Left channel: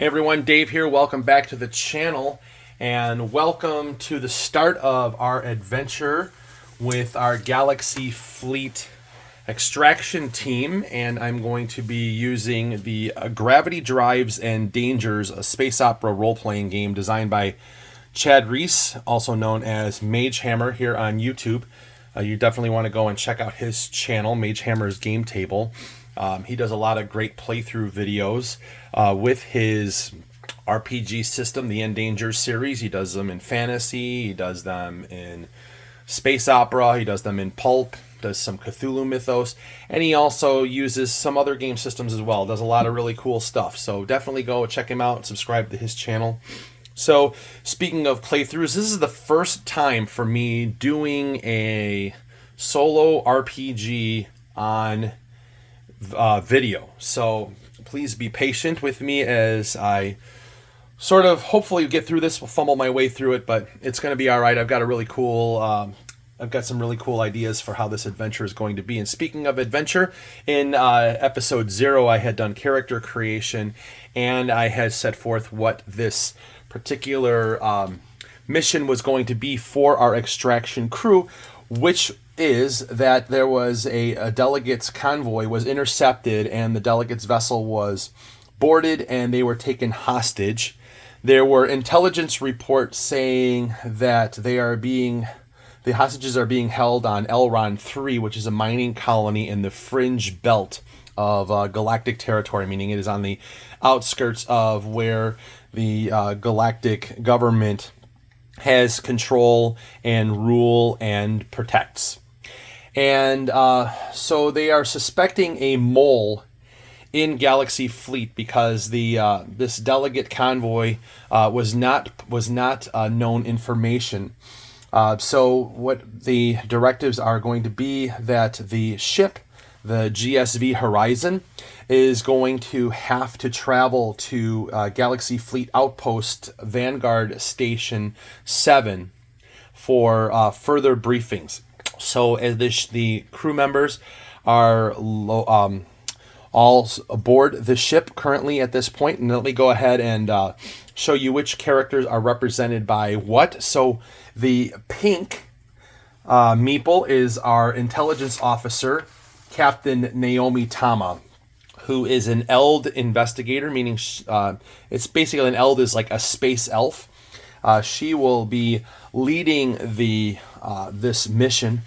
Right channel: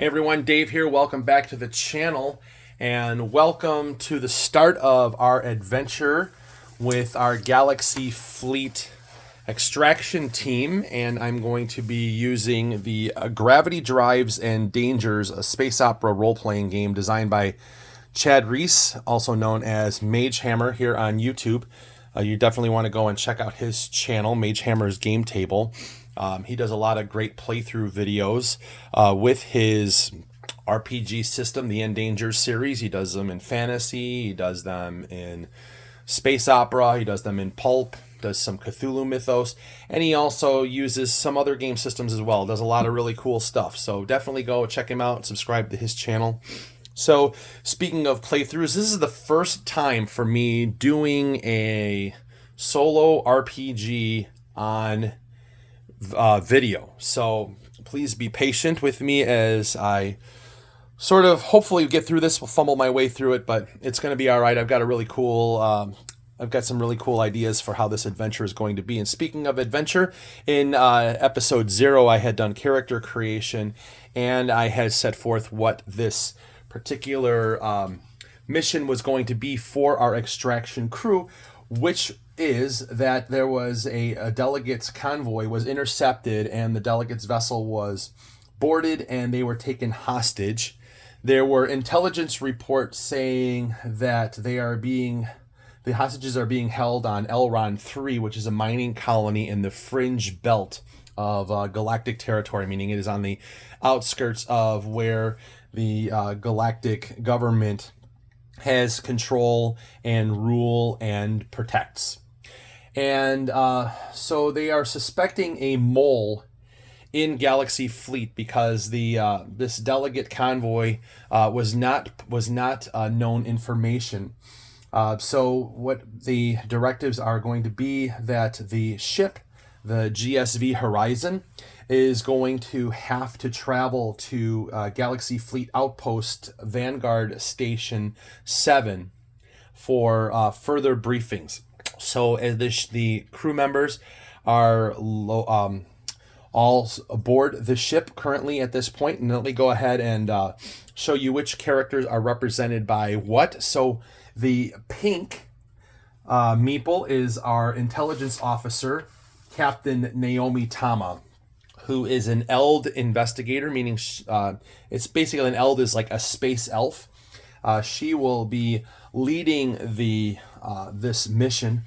Hey everyone, Dave here. Welcome back to the channel and welcome to the start of our adventure with our Galaxy Fleet extraction team. And I'm going to be using the Gravity Drives and Dangers, a space opera role-playing game designed by Chad Reese, also known as Mage Hammer here on YouTube. You definitely want to go and check out his channel, Mage Hammer's Game Table. He does a lot of great playthrough videos with his RPG system, the Endangered series. He does them in fantasy, he does them in space opera, he does them in pulp, does some Cthulhu mythos, and he also uses some other game systems as well. Does a lot of really cool stuff. So definitely go check him out and subscribe to his channel. So speaking of playthroughs, this is the first time for me doing a solo RPG on video. So please be patient with me as I sort of hopefully get through this. We'll fumble my way through it, but it's going to be all right. I've got some really cool ideas for how this adventure is going to be. And speaking of adventure, in episode 0, I had done character creation and I had set forth what this particular mission was going to be for our extraction crew, which is that there was a delegate's convoy was intercepted and the delegate's vessel was boarded and they were taken hostage. There were intelligence reports saying that the hostages are being held on Elron III, which is a mining colony in the fringe belt of galactic territory, meaning it is on the outskirts of where the galactic government has control and rule and protects. And so they are suspecting a mole in Galaxy Fleet because this delegate convoy was not known information. So what the directives are going to be that the ship, the GSV Horizon, is going to have to travel to Galaxy Fleet Outpost Vanguard Station 7 for further briefings. So as the crew members are all aboard the ship currently at this point, and let me go ahead and show you which characters are represented by what. So the pink meeple is our intelligence officer, Captain Naomi Tama, who is an Eld investigator, meaning it's basically an Eld is like a space elf. She will be leading this mission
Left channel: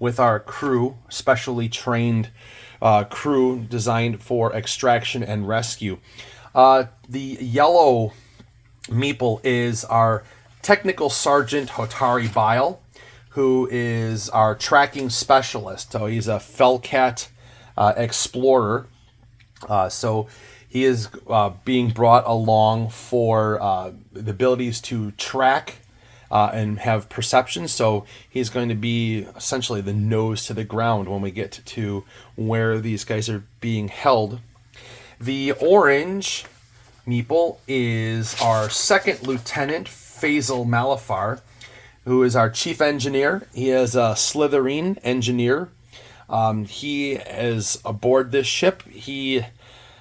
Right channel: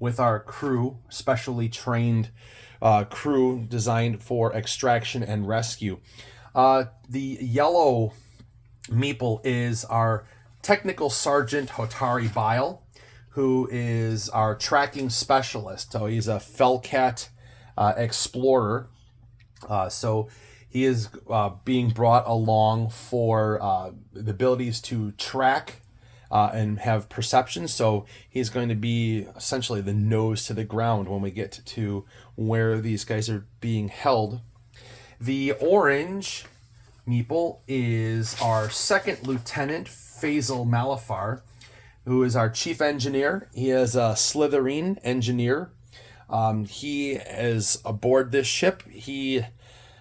with our crew, specially trained crew designed for extraction and rescue. The yellow meeple is our technical sergeant Hotari Bile, who is our tracking specialist. So he's a Felcat explorer. So he is being brought along for the abilities to track and have perception. So he's going to be essentially the nose to the ground when we get to where these guys are being held. The orange meeple is our second lieutenant, Faisal Malafar, who is our chief engineer. He is a Slytherin engineer. He is aboard this ship. He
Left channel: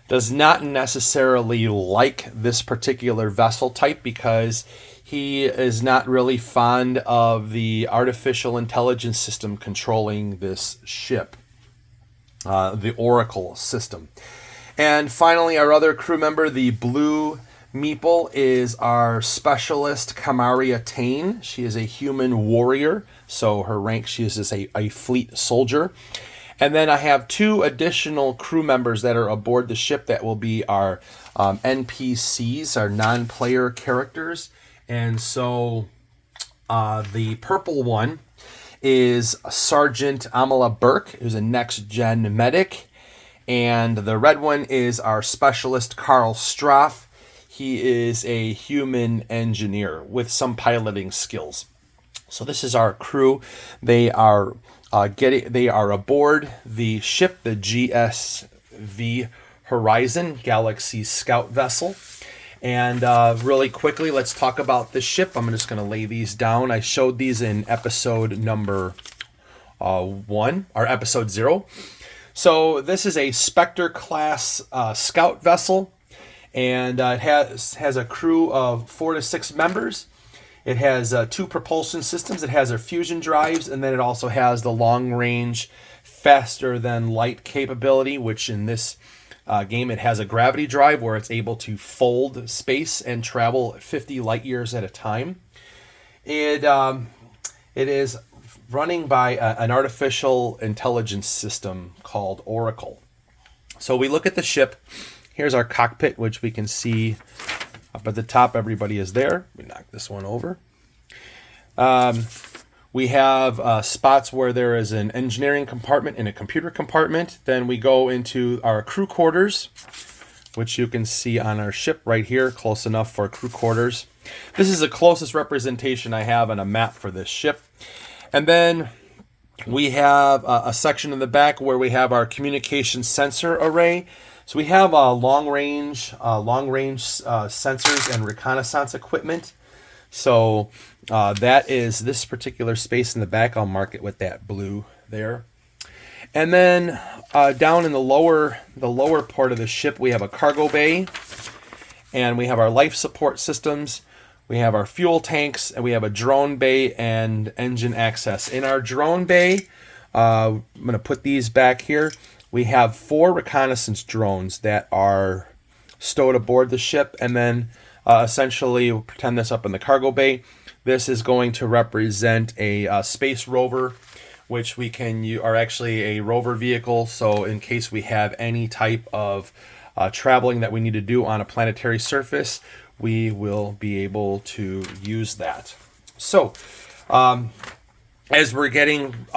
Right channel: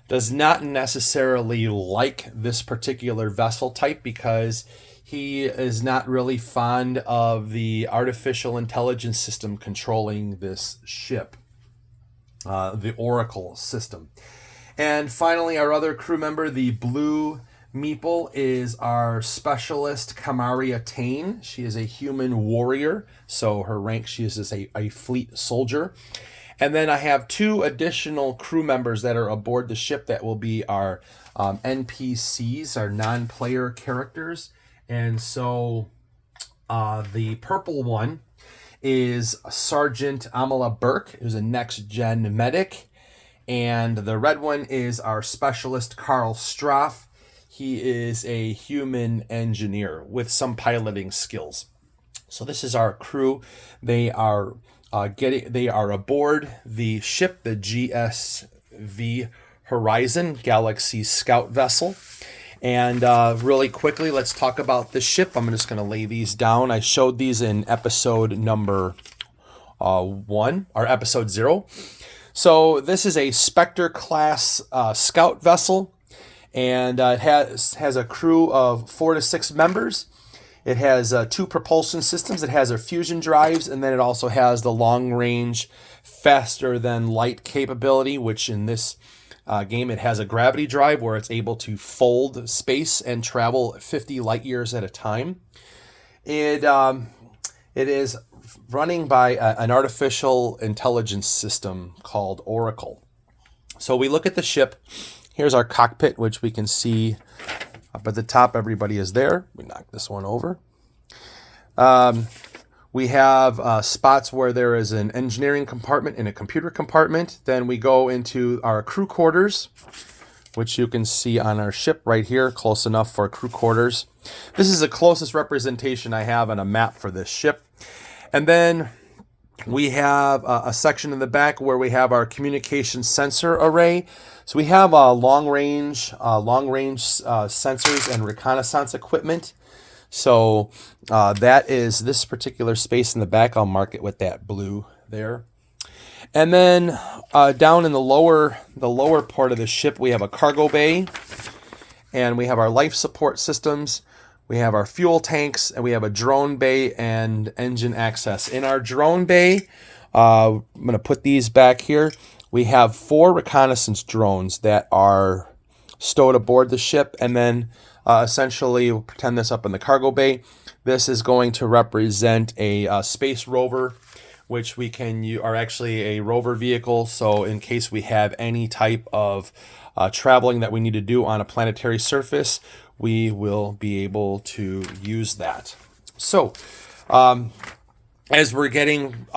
does not necessarily like this particular vessel type because he is not really fond of the artificial intelligence system controlling this ship, the Oracle system. And finally, our other crew member, the blue meeple, is our specialist, Kamaria Tain. She is a human warrior, so her rank, she is a fleet soldier. And then I have two additional crew members that are aboard the ship that will be our NPCs, our non-player characters. And so the purple one is Sergeant Amala Burke, who's a next-gen medic. And the red one is our specialist, Carl Straff. He is a human engineer with some piloting skills. So this is our crew. They are aboard the ship, the GSV Horizon, Galaxy Scout vessel. And really quickly, let's talk about the ship. I'm just going to lay these down. I showed these in episode number 1, or episode 0. So this is a Spectre class scout vessel. and it has a crew of 4 to 6 members. It has 2 propulsion systems. It has their fusion drives, and then it also has the long-range, faster-than-light capability, which in this game it has a gravity drive where it's able to fold space and travel 50 light years at a time. It is running by an artificial intelligence system called Oracle. So we look at the ship. Here's our cockpit, which we can see up at the top. Everybody is there. We knock this one over. We have spots where there is an engineering compartment and a computer compartment. Then we go into our crew quarters, which you can see on our ship right here, close enough for crew quarters. This is the closest representation I have on a map for this ship. And then we have a section in the back where we have our communication sensor array. So we have long-range sensors and reconnaissance equipment. So that is this particular space in the back. I'll mark it with that blue there. And then down in the lower part of the ship, we have a cargo bay, and we have our life support systems. We have our fuel tanks, and we have a drone bay and engine access. In our drone bay, I'm going to put these back here. We have 4 reconnaissance drones that are stowed aboard the ship, and then essentially, we'll pretend this up in the cargo bay. This is going to represent a space rover, which we can use, are actually a rover vehicle. So in case we have any type of traveling that we need to do on a planetary surface, we will be able to use that. So as we're getting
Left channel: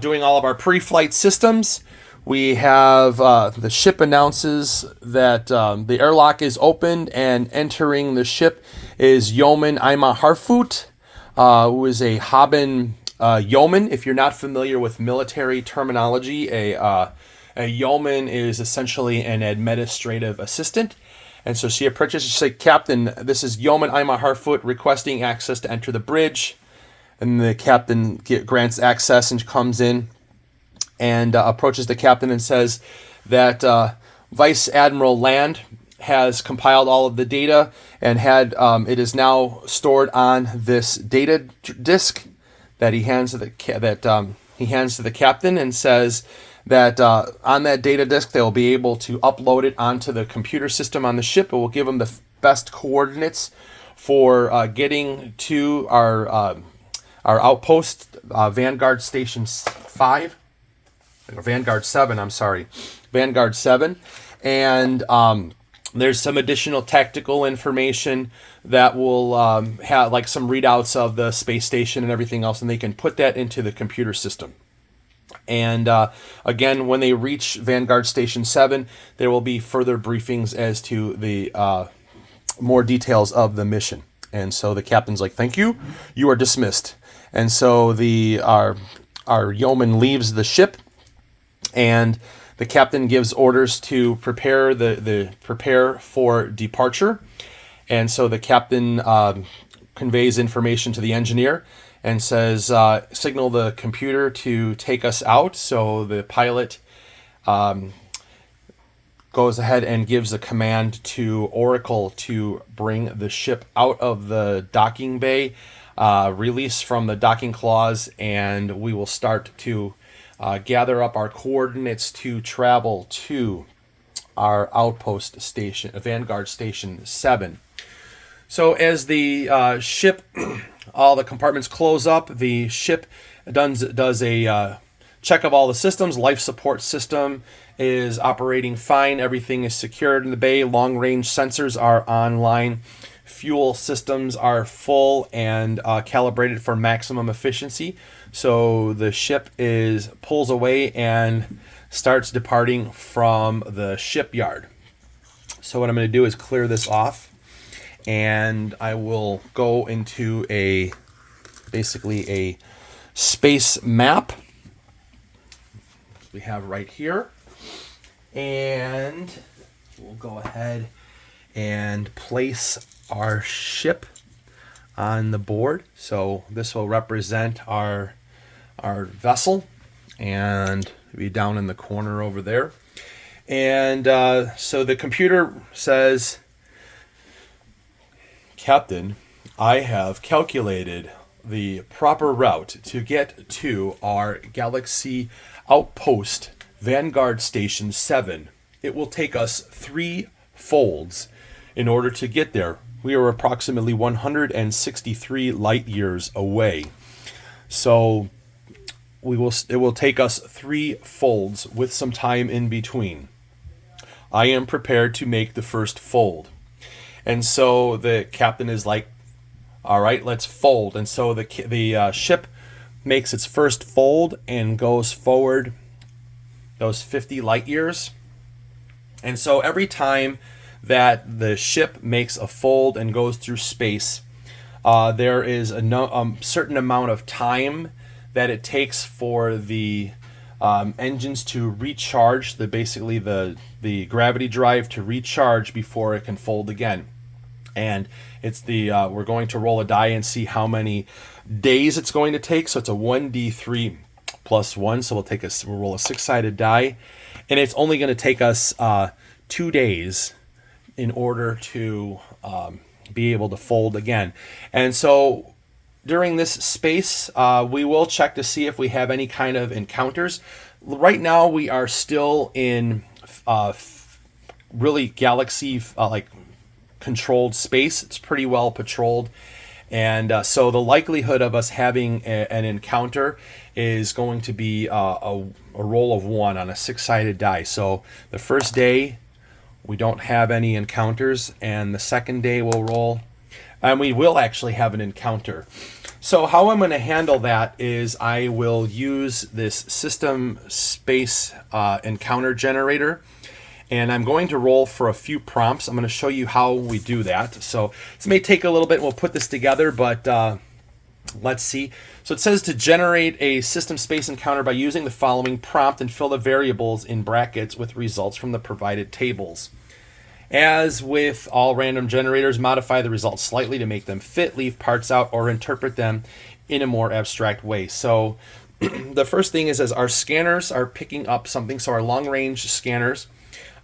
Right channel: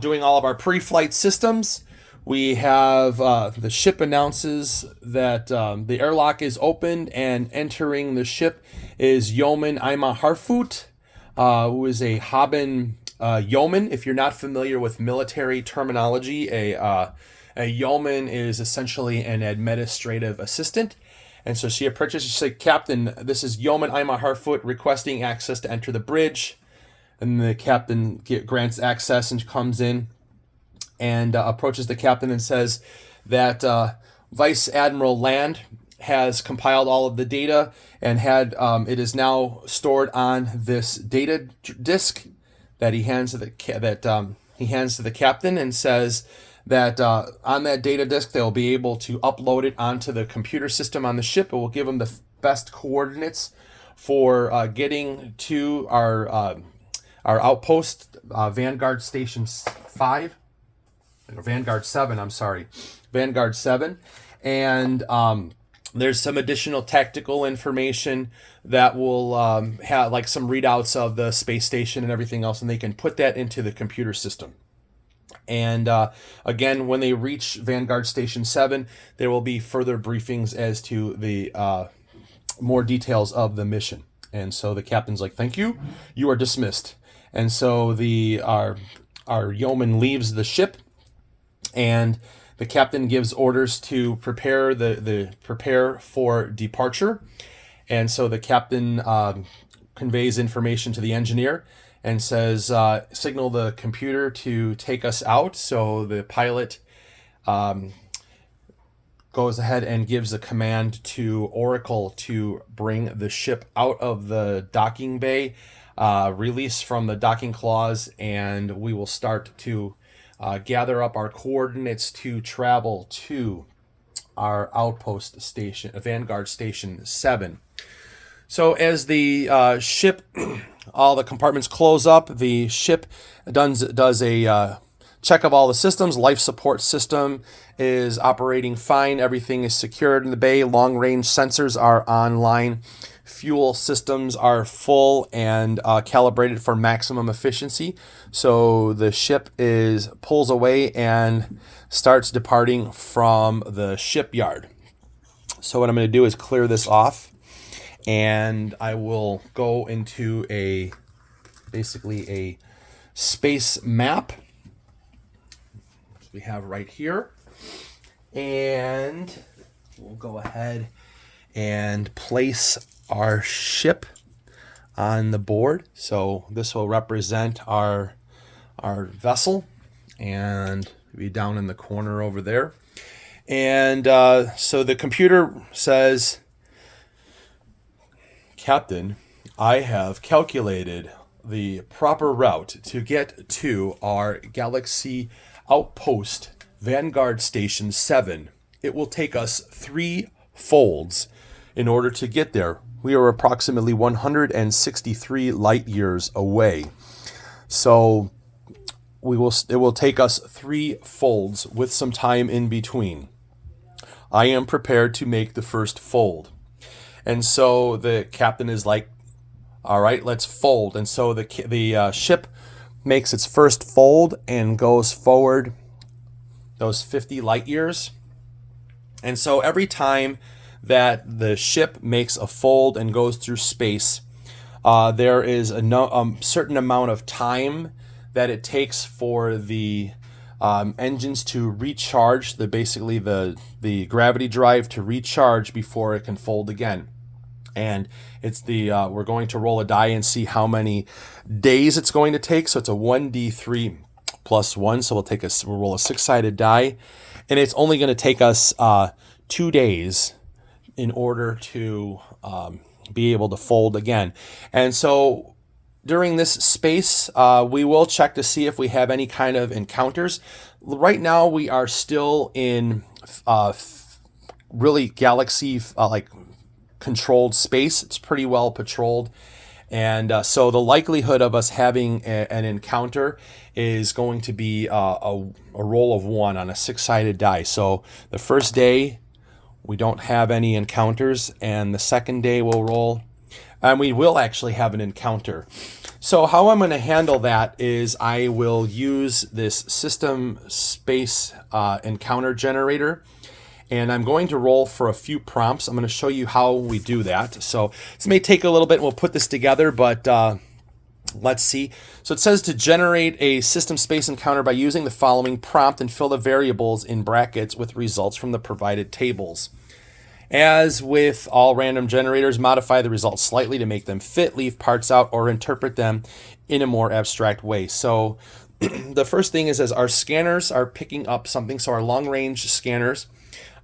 doing all of our pre-flight systems, we have the ship announces that the airlock is opened, and entering the ship is Yeoman Ima Harfoot, who is a Haben yeoman. If you're not familiar with military terminology, a yeoman is essentially an administrative assistant. And so she approaches, she said, "Captain, this is Yeoman Ima Harfoot requesting access to enter the bridge." And the captain grants access and comes in and approaches the captain and says that Vice Admiral Land has compiled all of the data and it is now stored on this data disk that he hands to the captain, and says that on that data disk they'll be able to upload it onto the computer system on the ship. It will give them the best coordinates for getting to our outpost, Vanguard Station 5. Vanguard 7, I'm sorry. Vanguard 7. And there's some additional tactical information that will have like some readouts of the space station and everything else, and they can put that into the computer system. And again, when they reach Vanguard Station 7, there will be further briefings as to the more details of the mission. And so the captain's like, "Thank you, you are dismissed." And so our yeoman leaves the ship, and the captain gives orders to prepare prepare for departure. And so the captain conveys information to the engineer and says, "Signal the computer to take us out." So the pilot goes ahead and gives the command to Oracle to bring the ship out of the docking bay, release from the docking clause, and we will start to gather up our coordinates to travel to our outpost station, Vanguard Station 7. So as the ship, all the compartments close up, the ship does a check of all the systems. Life support system is operating fine. Everything is secured in the bay. Long-range sensors are online. Fuel systems are full and calibrated for maximum efficiency. So the ship pulls away and starts departing from the shipyard. So what I'm going to do is clear this off, and I will go into basically a space map we have right here, and we'll go ahead and place our ship on the board. So this will represent our vessel, and be down in the corner over there. And so the computer says Captain, I have calculated the proper route to get to our Galaxy Outpost Vanguard Station 7. It will take us 3 folds in order to get there. We are approximately 163 light years away. So it will take us 3 folds with some time in between. I am prepared to make the first fold. And so the captain is like, all right, let's fold. And so the ship makes its first fold and goes forward those 50 light years. And so every time that the ship makes a fold and goes through space, there is a certain amount of time that it takes for the engines to recharge, basically the gravity drive to recharge before it can fold again. And it's we're going to roll a die and see how many days it's going to take. So it's a 1d3 plus 1. So we'll roll a 6-sided die, and it's only going to take us 2 days in order to be able to fold again. And so during this space, we will check to see if we have any kind of encounters. Right now, we are still in really galaxy controlled space. It's pretty well patrolled, and so the likelihood of us having an encounter is going to be a roll of 1 on a 6-sided die. So the first day we don't have any encounters, and the second day we'll roll and we will actually have an encounter. So how I'm going to handle that is I will use this system space encounter generator, and I'm going to roll for a few prompts. I'm going to show you how we do that. So this may take a little bit. We'll put this together, but let's see. So it says to generate a system space encounter by using the following prompt and fill the variables in brackets with results from the provided tables. As with all random generators, modify the results slightly to make them fit, leave parts out, or interpret them in a more abstract way. So the first thing is, as our scanners are picking up something, so our long-range scanners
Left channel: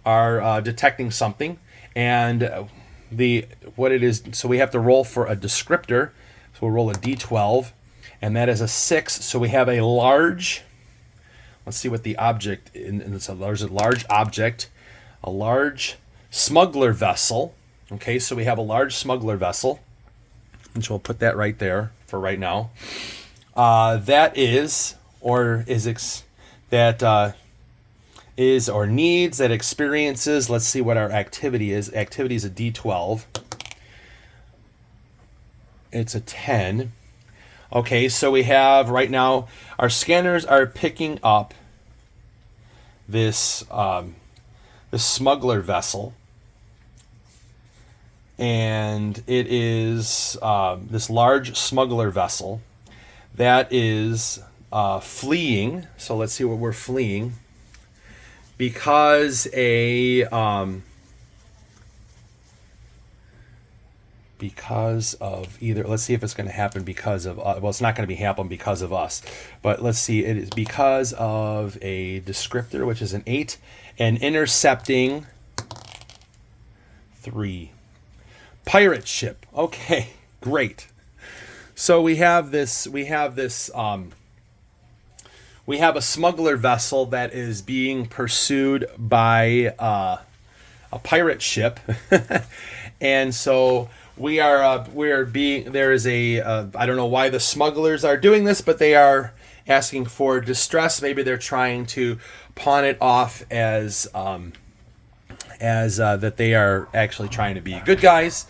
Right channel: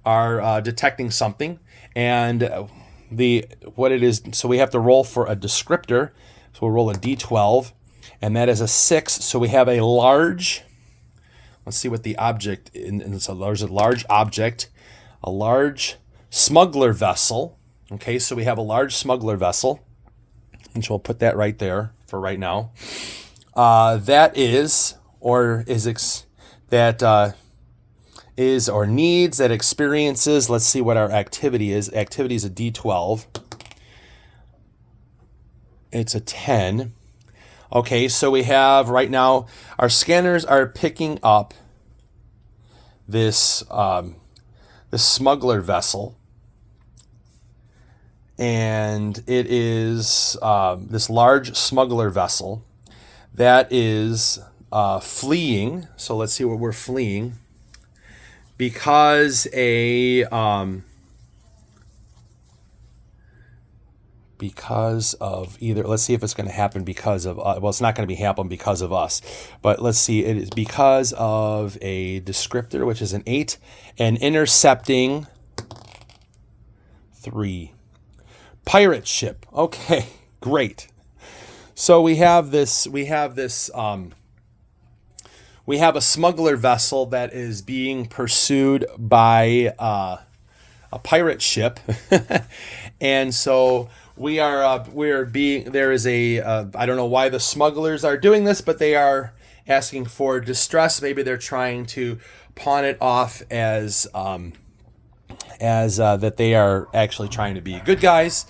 are detecting something, and what it is, so we have to roll for a descriptor. So we'll roll a d12, and that is a 6. So we have a large, let's see what the object is. There's a large object, a large smuggler vessel. Okay, so we have a large smuggler vessel, and so we'll put that right there for right now. That is, or needs, that experiences. Let's see what our activity is. Activity is a d12. It's a 10. Okay, so we have right now our scanners are picking up this smuggler vessel, and it is this large smuggler vessel that is fleeing. So let's see what we're fleeing, because of either, let's see if it's going to happen because of, well, it's not going to be happen because of us, but let's see, it is because of a descriptor, which is an 8, and intercepting 3. Pirate ship. Okay, great. So we have a smuggler vessel that is being pursued by a pirate ship, and so there is I don't know why the smugglers are doing this, but they are asking for distress. Maybe they're trying to pawn it off as that they are actually trying to be good guys.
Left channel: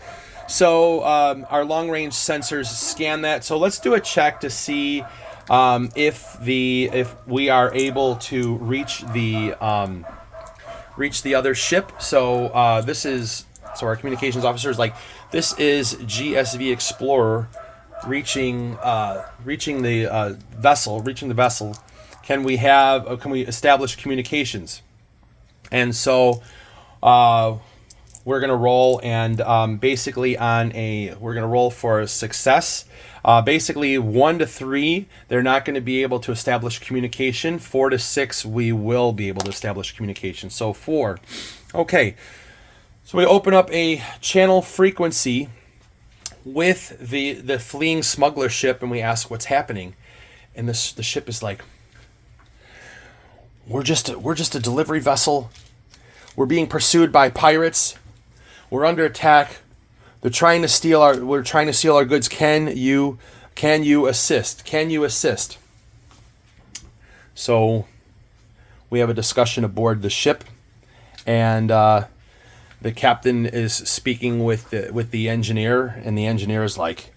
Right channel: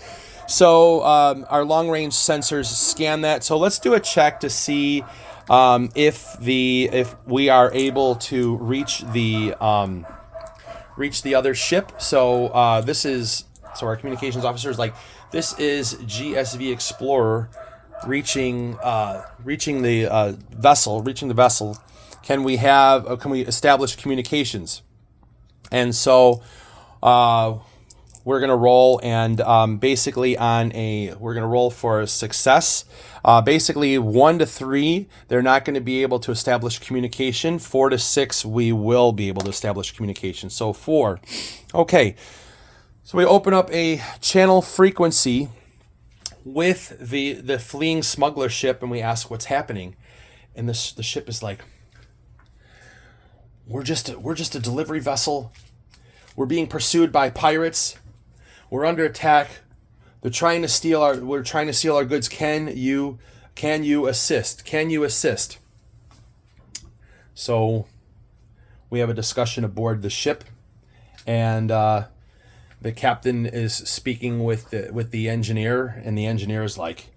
So our long-range sensors scan that. So let's do a check to see if we are able to reach the other ship. So our communications officer is like, this is GSV Explorer reaching the vessel. Can we establish communications? And so we're going to roll, and basically we're going to roll for a success. Basically 1 to 3, they're not going to be able to establish communication. 4 to 6, we will be able to establish communication. So 4. Okay. So we open up a channel frequency with the fleeing smuggler ship, and we ask what's happening, and the ship is like, we're just a delivery vessel. We're being pursued by pirates. We're under attack. We're trying to steal our goods. Can you assist? Can you assist? So we have a discussion aboard the ship, and the captain is speaking with the engineer, and the engineer is like,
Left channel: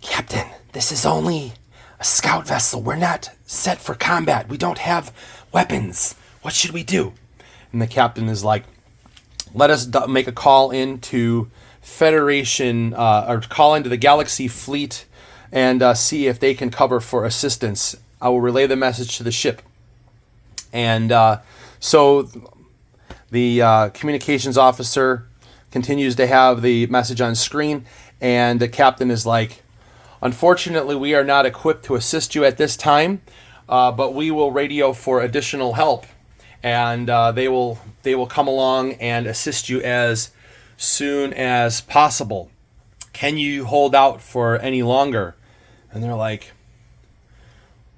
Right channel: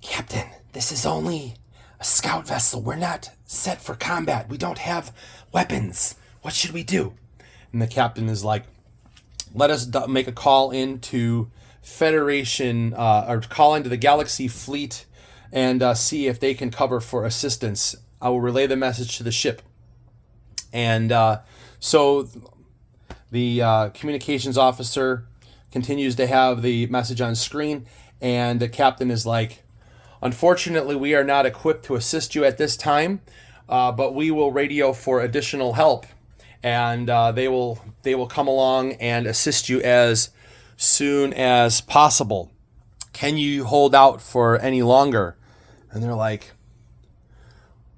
Captain, this is only a scout vessel. We're not set for combat. We don't have weapons. What should we do? And the captain is like, let us make a call into Federation, or call into the Galaxy Fleet and see if they can cover for assistance. I will relay the message to the ship. And so the communications officer continues to have the message on screen, and the captain is like, unfortunately, we are not equipped to assist you at this time, but we will radio for additional help, and they will come along and assist you as soon as possible. Can you hold out for any longer? And they're like,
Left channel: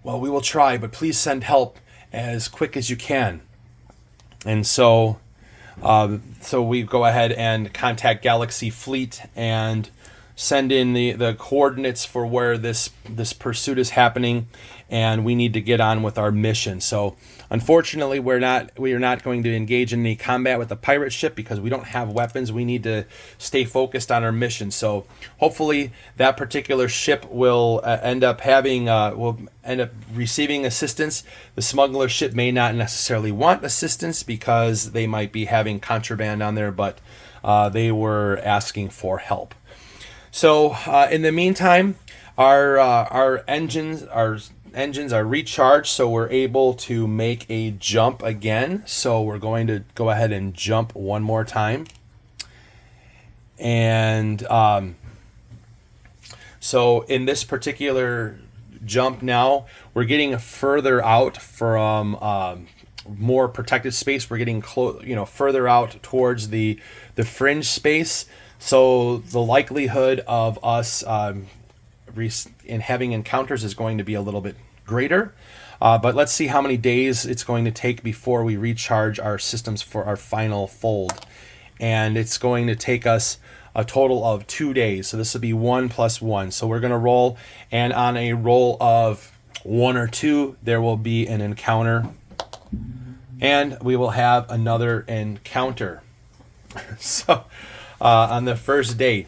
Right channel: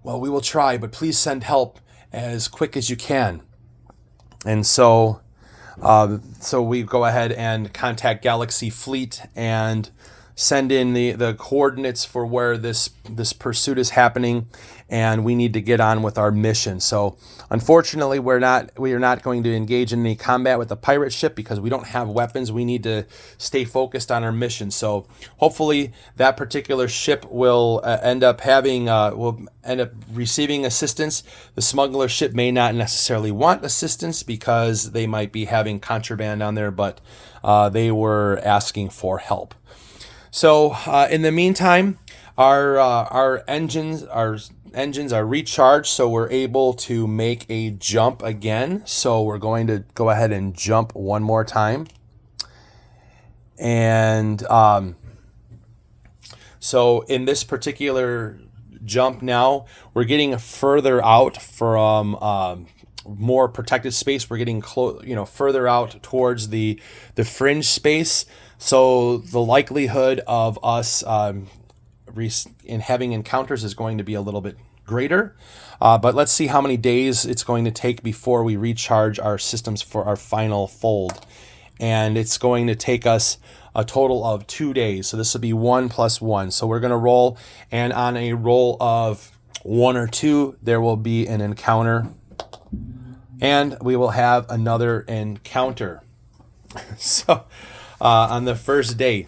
well, we will try, but please send help as quick as you can. And so we go ahead and contact Galaxy Fleet and send in the coordinates for where this pursuit is happening, and we need to get on with our mission. So unfortunately, we are not going to engage in any combat with the pirate ship because we don't have weapons. We need to stay focused on our mission. So hopefully that particular ship will end up receiving assistance. The smuggler ship may not necessarily want assistance because they might be having contraband on there, but they were asking for help. So in the meantime, our engines are recharged, so we're able to make a jump again. So we're going to go ahead and jump one more time. And so in this particular jump now, we're getting further out from more protected space. We're getting further out towards the fringe space. So the likelihood of us in having encounters is going to be a little bit greater. But let's see how many days it's going to take before we recharge our systems for our final fold. And it's going to take us a total of 2 days. So this will be 1 + 1. So we're going to roll, and on a roll of 1 or 2, there will be an encounter. And we will have another encounter. So on the first day.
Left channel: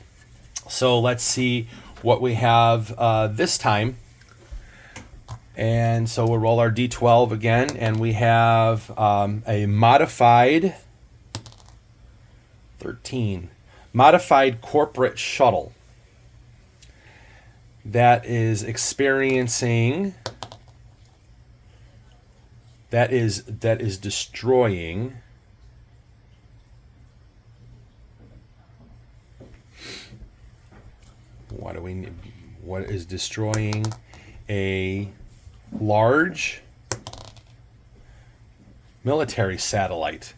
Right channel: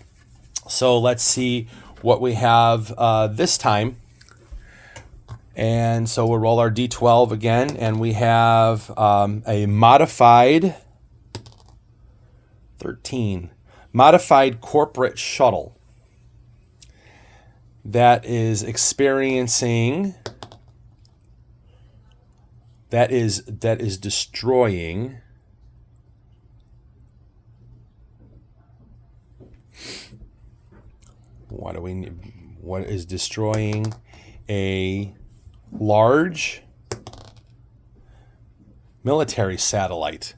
So let's see what we have this time. And so we'll roll our D12 again, and we have a modified 13. Modified corporate shuttle that is experiencing, that is destroying what is destroying a large military satellite.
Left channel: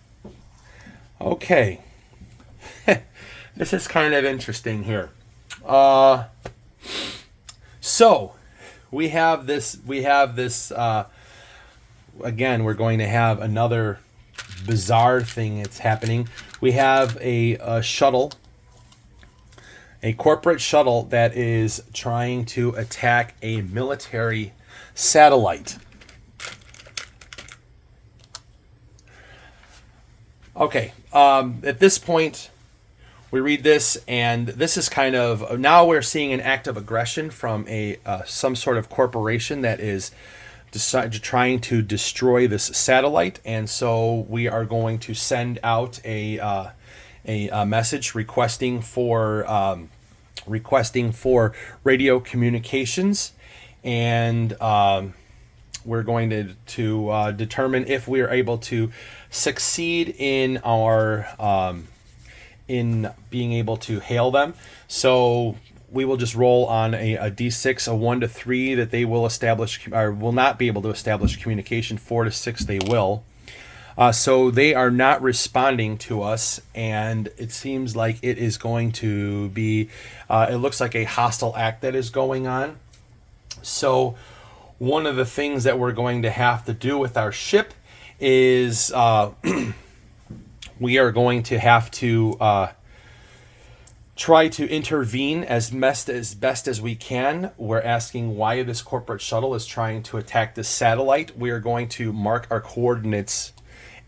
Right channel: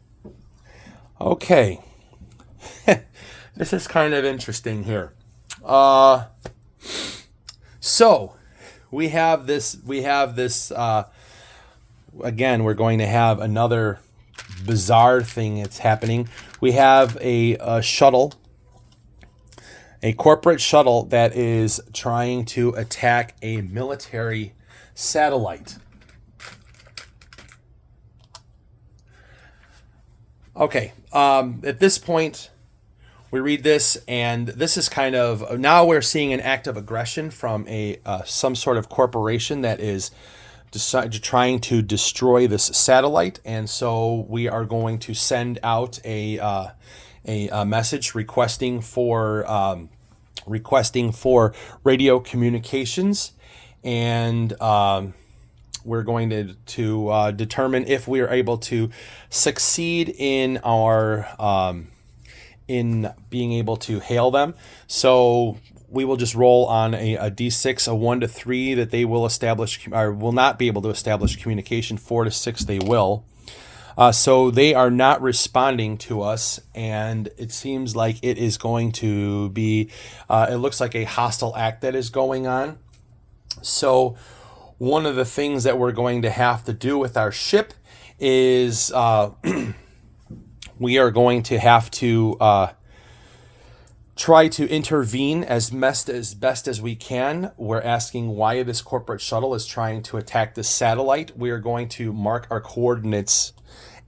Okay. This is kind of interesting here. So we have this again, we're going to have another bizarre thing that's happening. We have a shuttle, a corporate shuttle that is trying to attack a military satellite. Okay, at this point, we read this, and this is kind of, now we're seeing an act of aggression from some sort of corporation that is trying to destroy this satellite, and so we are going to send out a message requesting for radio communications, and we're going to determine if we are able to succeed in our in being able to hail them. So we will just roll on a D6, a 1 to 3 that they will establish or will not be able to establish communication. 4 to 6 they will. So they are not responding to us, and it seems like it is going to be, it looks like a hostile act that is going on. So one of the things that we're going to have to do with our ship is we are going to have to try to intervene as best as we can. We're asking why this corporate shuttle is trying to attack this satellite. We are going to mark our coordinates,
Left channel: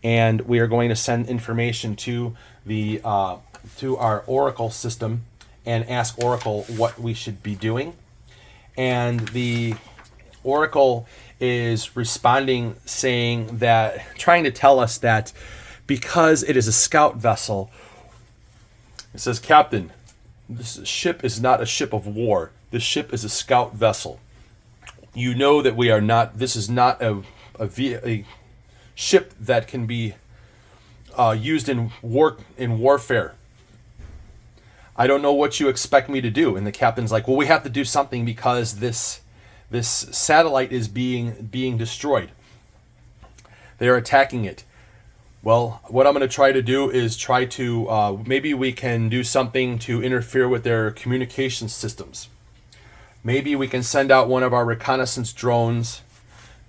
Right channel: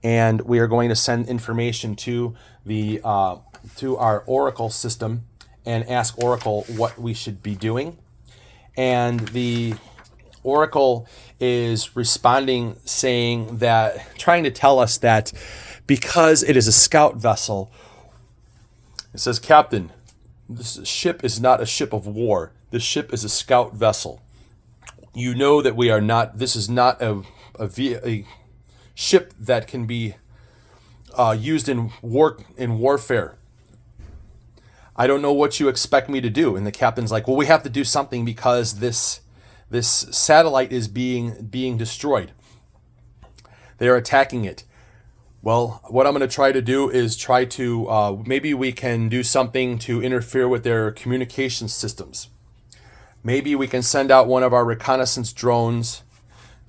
and we are going to send information to the to our Oracle system and ask Oracle what we should be doing. And the Oracle is responding, saying that, trying to tell us that because it is a scout vessel, it says, Captain, this ship is not a ship of war. This ship is a scout vessel. You know that we are not, this is not a ship that can be used in warfare. I don't know what you expect me to do. And the captain's like, well, we have to do something because this satellite is being destroyed. They are attacking it. Well, what I'm going to try to do is try to, maybe we can do something to interfere with their communication systems. Maybe we can send out one of our reconnaissance drones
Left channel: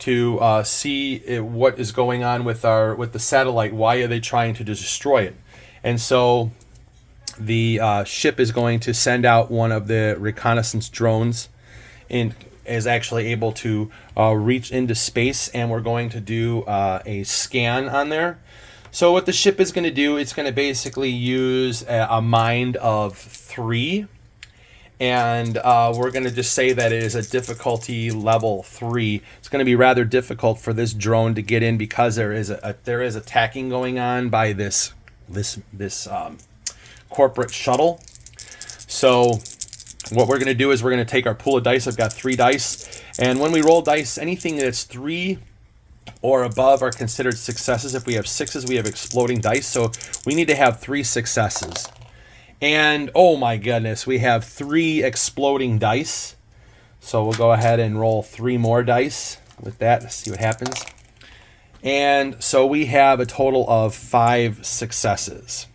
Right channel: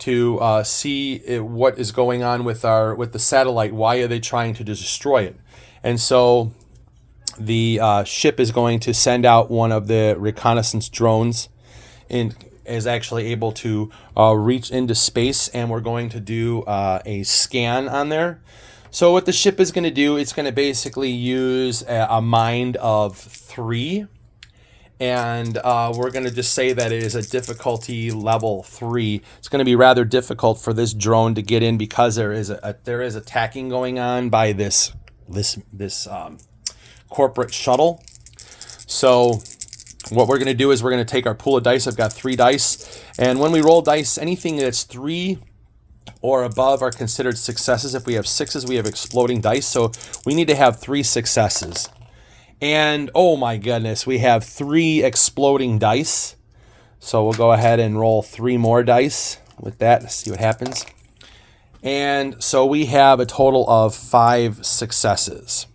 to see what is going on with the satellite. Why are they trying to destroy it? And so the ship is going to send out one of the reconnaissance drones, and is actually able to reach into space, and we're going to do a scan on there. So what the ship is going to do, it's going to basically use a mind of 3, and we're going to just say that it is a difficulty level 3. It's going to be rather difficult for this drone to get in because there is attacking going on by this corporate shuttle. So what we're going to do is we're going to take our pool of dice. I've got 3 dice, and when we roll dice, anything that's 3 or above are considered successes. If we have 6s, we have exploding dice. So we need to have 3 successes. And oh my goodness, we have 3 exploding dice. So we'll go ahead and roll 3 more dice with that to see what happens. And so we have a total of 5 successes.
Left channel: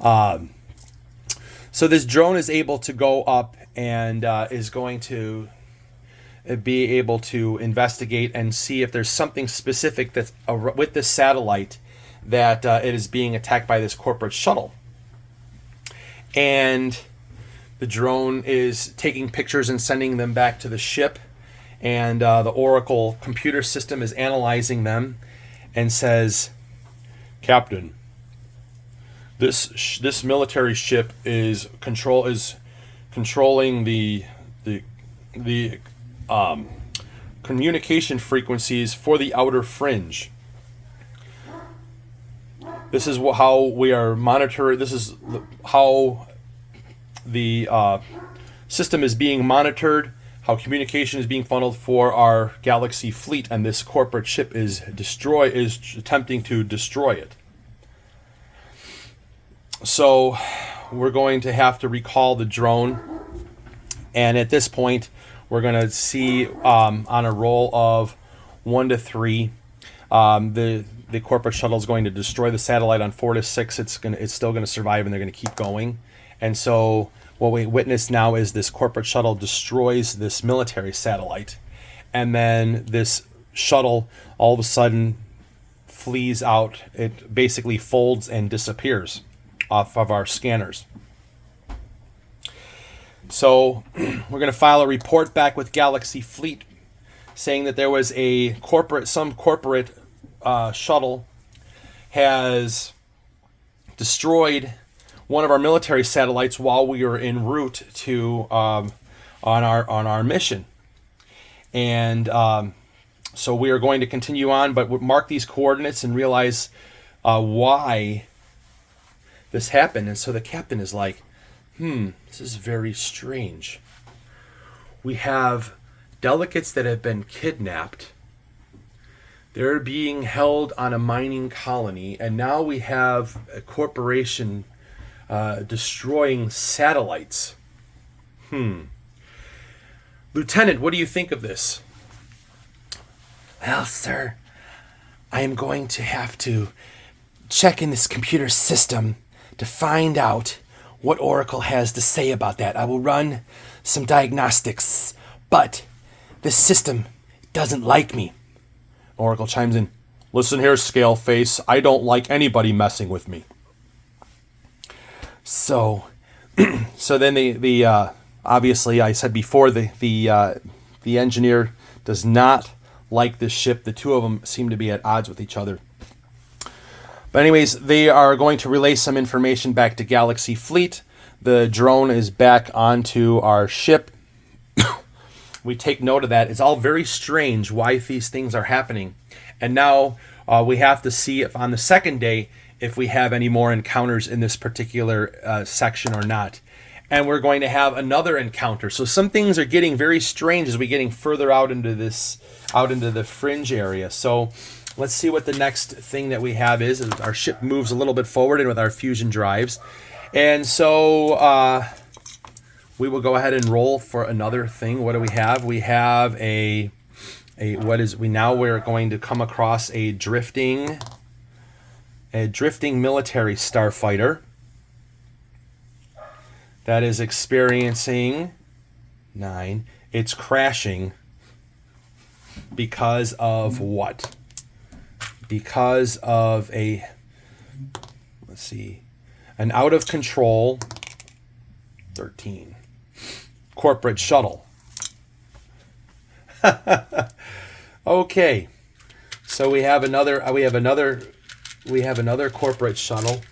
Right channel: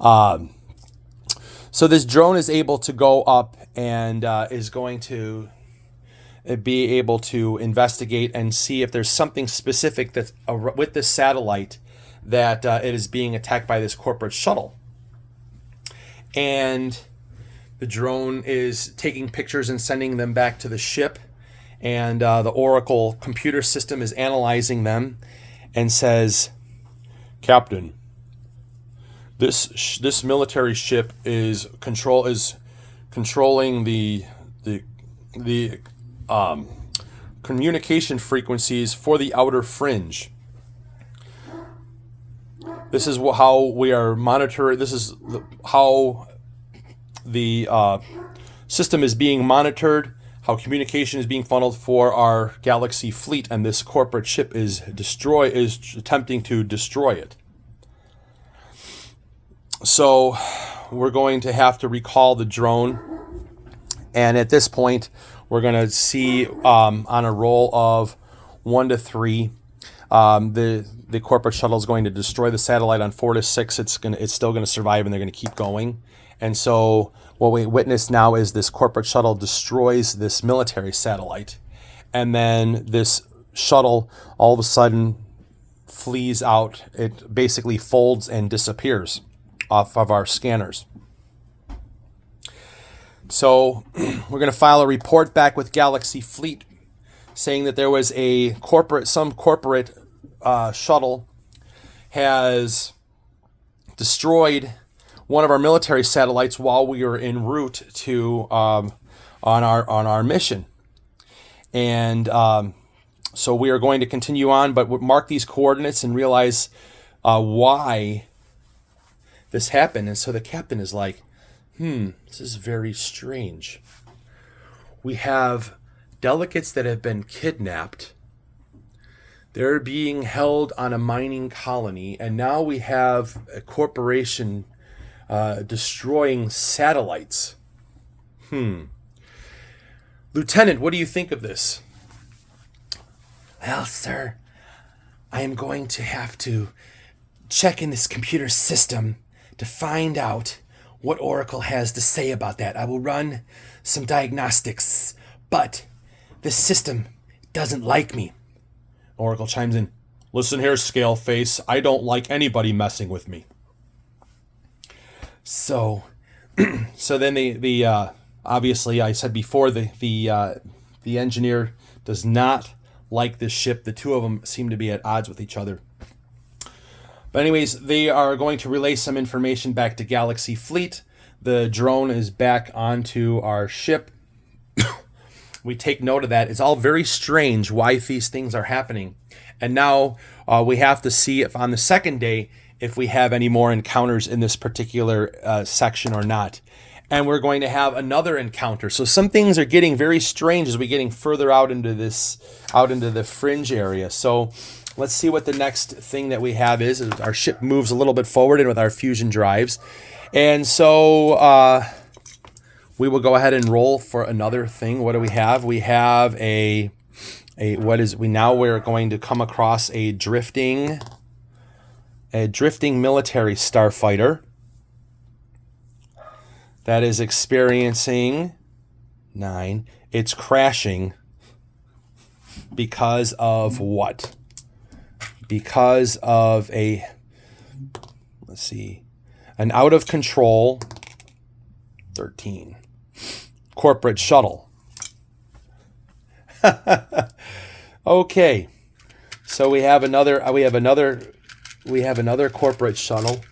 So this drone is able to go up and is going to be able to investigate and see if there's something specific that's with this satellite that it is being attacked by this corporate shuttle. And the drone is taking pictures and sending them back to the ship, and the Oracle computer system is analyzing them and says, Captain, this military ship is controlling the communication frequencies for the outer fringe. This is how we are monitoring. This is how the system is being monitored, how communication is being funneled for our Galaxy fleet, and this corporate ship is attempting to destroy it. So we're going to have to recall the drone, and at this point we're going to see on a roll of 1 to 3, the corporate shuttle is going to destroy the satellite. On 4 to 6, it's still going to survive, and they're going to keep going. And so what we witness now is this corporate shuttle destroys this military satellite, and then this shuttle all of a sudden flees out. It basically folds and disappears off of our scanners. So we're going to file a report back with Galaxy Fleet saying that there was some corporate shuttle has destroyed one of our military satellites while we were en route to on our mission. And so we are going to continue on, but mark these coordinates and realize why this happened. And so the captain is like, this is very strange. We have delegates that have been kidnapped. They're being held on a mining colony, and now we have a corporation destroying satellites. Lieutenant, what do you think of this? Well, sir, I am going to have to check in this computer system to find out what Oracle has to say about that. I will run some diagnostics, but this system doesn't like me. Oracle chimes in, listen here, Scaleface, I don't like anybody messing with me. So then the obviously I said before the engineer does not like this ship. The two of them seem to be at odds with each other. But anyways, they are going to relay some information back to Galaxy Fleet. The drone is back onto our ship. We take note of that. It's all very strange why these things are happening. And now we have to see if on the second day if we have any more encounters in this particular section or not. And we're going to have another encounter. So some things are getting very strange as we're getting further out into the fringe area. So let's see what the next thing that we have is. Our ship moves a little bit forward and with our fusion drives. And so we will go ahead and roll for another thing. What do we have? We have we're going to come across a drifting military starfighter that is experiencing 9. It's crashing because of what? Because of an out of control 13 corporate shuttle. Okay, so we have another corporate shuttle,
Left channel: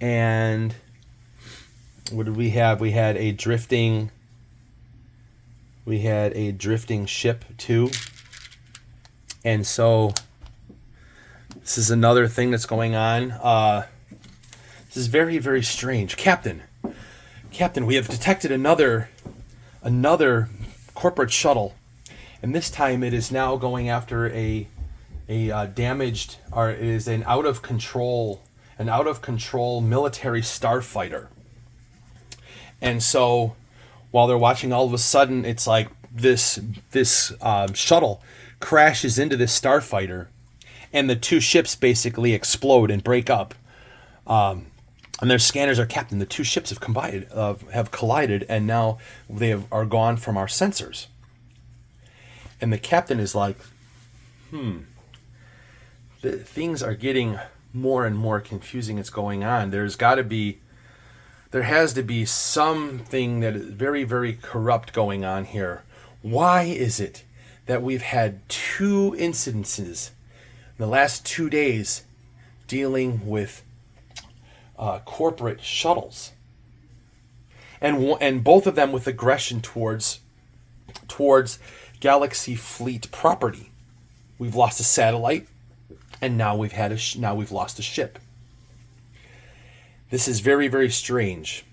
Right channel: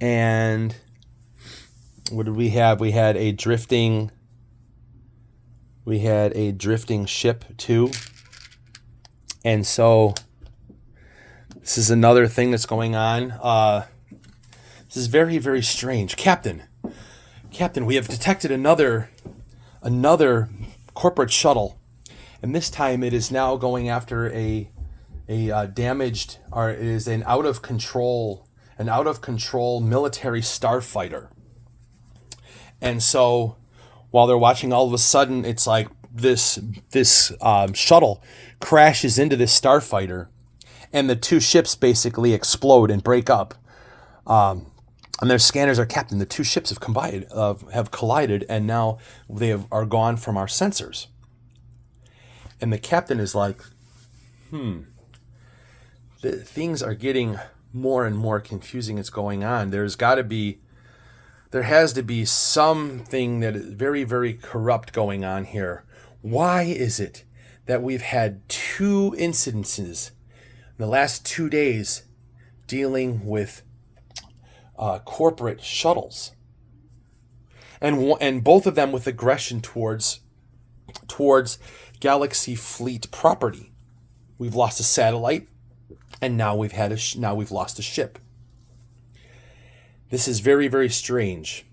and what did we have? We had a drifting ship too, and so this is another thing that's going on. This is very, very strange. Captain, we have detected another corporate shuttle, and this time it is now going after a damaged, or it is an out of control military starfighter. And so while they're watching, all of a sudden it's like this shuttle crashes into this starfighter, and the two ships basically explode and break up. And their scanners are, Captain, the two ships have collided, and now they are gone from our sensors. And the captain is like, things are getting more and more confusing. It's going on. There has to be something that is very, very corrupt going on here. Why is it that we've had 2 incidences in the last 2 days dealing with corporate shuttles, and both of them with aggression towards Galaxy Fleet property? We've lost a satellite, and now we've lost a ship. This is very, very strange.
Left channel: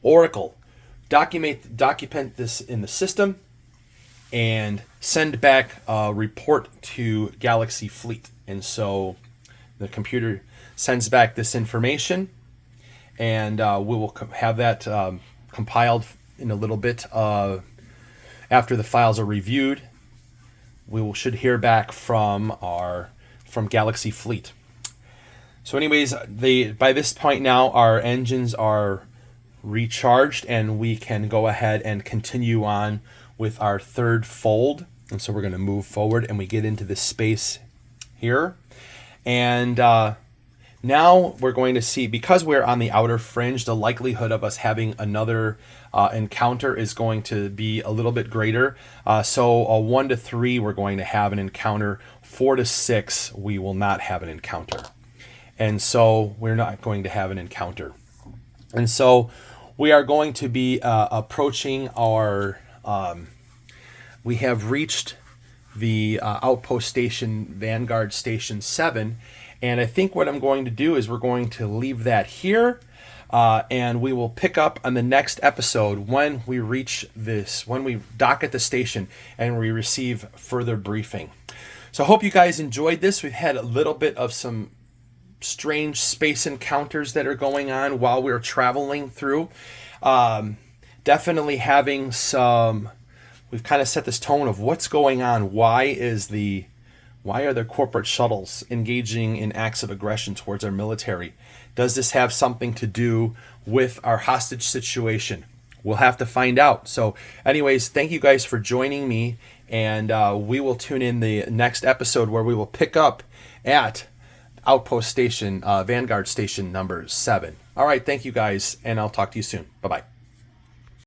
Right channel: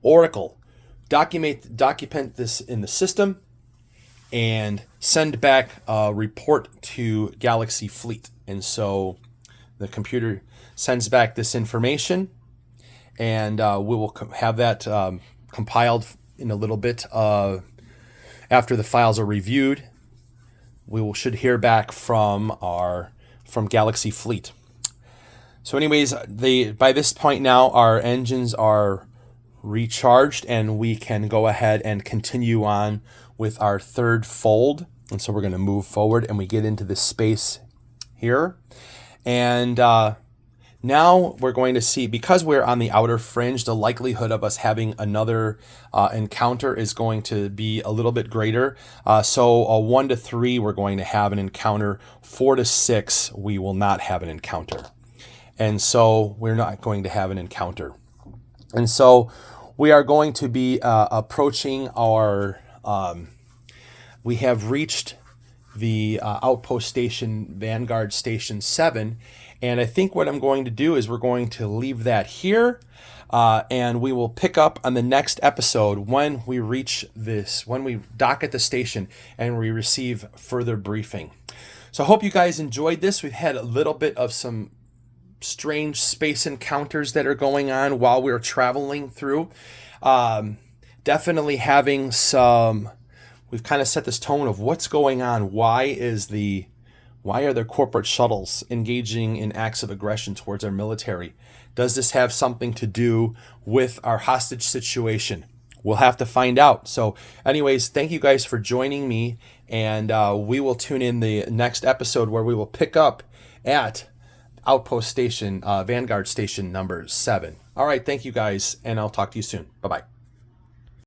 Oracle, document this in the system, and send back a report to Galaxy Fleet. And so the computer sends back this information, and we will have that compiled in a little bit. After the files are reviewed, we should hear back from Galaxy Fleet. So anyways, by this point now, our engines are recharged, and we can go ahead and continue on with our third fold. And so we're going to move forward, and we get into this space here. And now we're going to see, because we're on the outer fringe, the likelihood of us having another encounter is going to be a little bit greater. So 1 to 3, we're going to have an encounter. 4 to 6, we will not have an encounter. And so we're not going to have an encounter. And so we are going to be approaching our, we have reached the outpost station, Vanguard Station 7. And I think what I'm going to do is we're going to leave that here, and we will pick up on the next episode when we reach this, when we dock at the station and we receive further briefing. So I hope you guys enjoyed this. We've had a little bit of some strange space encounters that are going on while we're traveling through. Definitely having some, we've kind of set this tone of what's going on. Why are there corporate shuttles engaging in acts of aggression towards our military? Does this have something to do with our hostage situation? We'll have to find out. So anyways, thank you guys for joining me, and we will tune in the next episode where we will pick up at Outpost Station, Vanguard Station number 7. All right, thank you guys, and I'll talk to you soon. Bye-bye.